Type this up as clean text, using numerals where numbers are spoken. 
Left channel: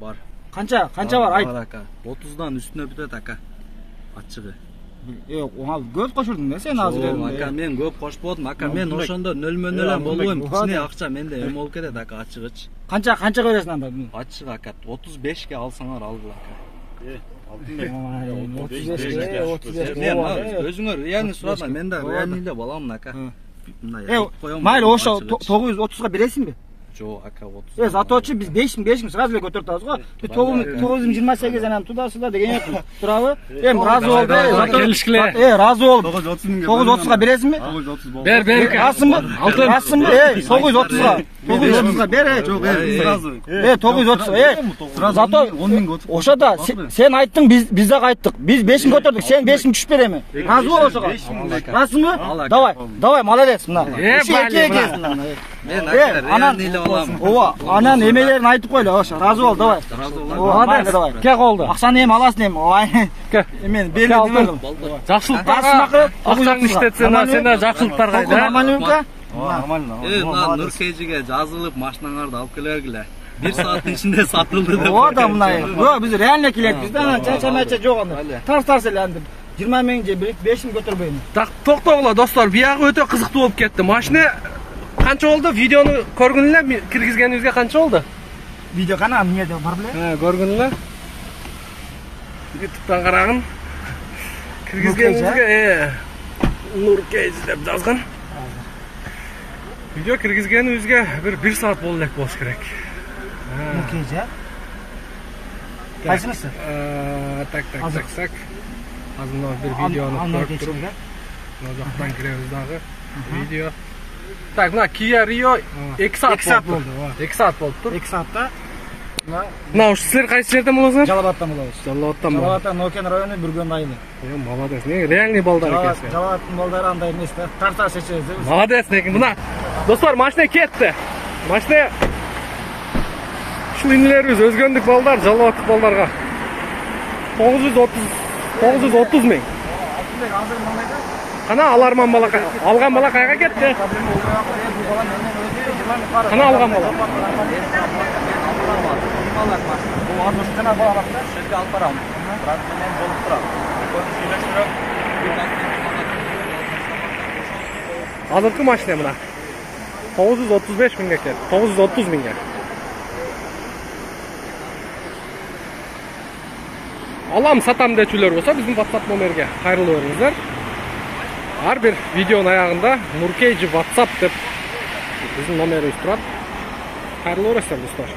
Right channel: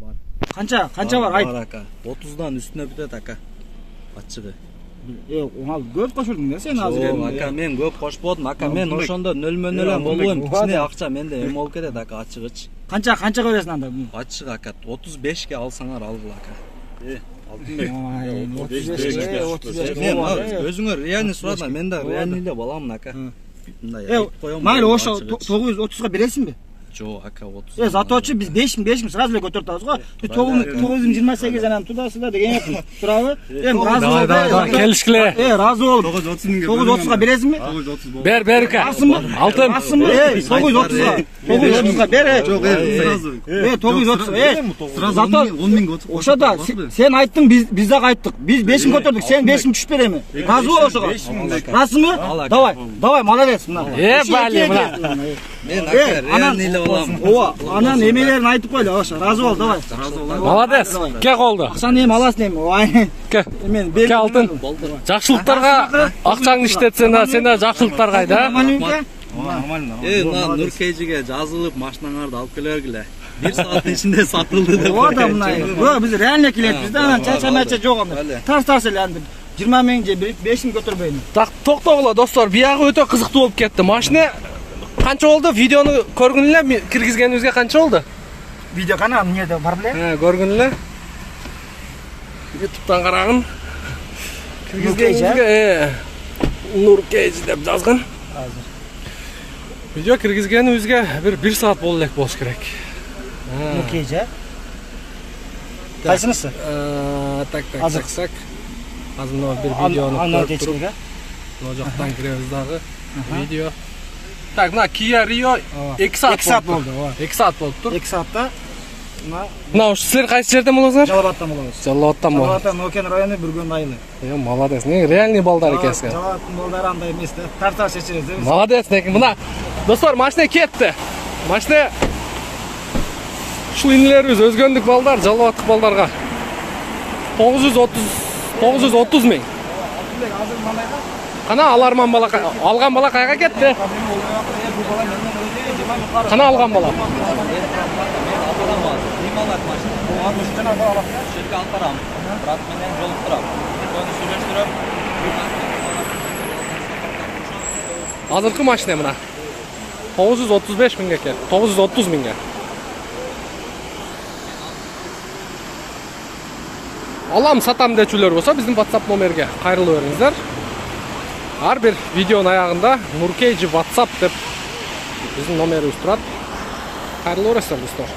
Бар. Қанша бар айт? Бар ака. 30-дан үстүнө бүтөт ака. Ачыгы. Оңал көп кошурдуң да сен азыр. Жок, ака мен көп кошподум. Ака мен ошондо нөлмө-нөлөн болбойм. Кичине акча менде эме болуп кетет ака, ачыгыч. Канча бересиң анда? Ачык ака 35ке алсаңар алгыла ака. 35. Мен өзүңөр реальный сурадым. Мен да реальный эле баламын ака. Майли ошо 930га бересиңби? Жок ака 30. Заточу биз 5000 сразу эле көтөрүп атабыз го. 928 анан тудасыздар деген экен. Турабы? Эми разы болду. Келишкиле. Разы болду. 930 миңге. 930га бересиңби? 930 болду. Бер Асыңбы? Алтын. 930га. 930га бер. Жок, сразу. 930. Сразу 10 миңге отуруп. Ошода сен айттың, биз дагы айттык. Биз 5000 көтөрдүк, сен 5000 түшүп береми. Разы бол ошого. Расыңбы? Давай, молодец мына. Бали мына. Мен ака реальный эле баламын. Анан эмелерин айтып койлу, ошо. Разы бол, давай. Молодец. Ке колду. Акчаны эми аласың эми. Ой. Мен Ке алтын. Жакшылыктарга акчаңды иштетсең, сен да жакшылыктар кайда? Нормально. Мына Нуркейжиге жазылып машинаңарды алып келе бергиле. 1 сааттын ичинде сатылды деп. Оода мына. Биз реально келебиз да, анан чача жок анда. Тарс эле анда. 20 миң же 5 миң көтөрбөйм. Так, токтогула достор, биягы өтө кызыктуу болуп кетти. Машина канча болду? Видеону көргүн эле, киргизгенибизге канча болду? Видео канал эмнеде бар беле? Көргүн эле. YouTube'дан карагын. Киргизгенибизге Нуркейж деп жазган. Видео киргизгенибизге 1 саат болу элек болуш керек. Нуркейж, а? Кайсынысы? Так. Азыр мына бир видеону көрүп туруп, мына жактан киребиз дагы. Видео. Так, мына Kia Rio 2 саат болду. 2 саат болуптур. 2 саатта. Мына ушу силер кайсы жерден болосуңар? Жалабаттан болобуз. Жалабаттан болобуз. Жалабаттан Нокен району Бүргөн айылы. Молодец. Не реальный балдар экенсиң. Жалабаттын балдары андай эмес да. Тарта чечебиз да. Молодец. Мына достор, машина кетти. Машина ушул инелерибиз өзгөндүк балдар, жалабаттык балдарга 930 миң. Кана аларман бала, алган бала кайга кетти? Кана алган бала? Жерге алып барам. Брат менен жолуктурам. Көңүл сүйлөштүрөм. Азыркы машина мына 935 миңге кетти. 930 миңге. Алам сатам дечүлөр болсо биздин WhatsApp номерге кайрылып бериңиздер. Ар бир видеонун аягында Нуркейж WhatsApp деп биздин номерибиз турат. Кайрылып бересиздер достор.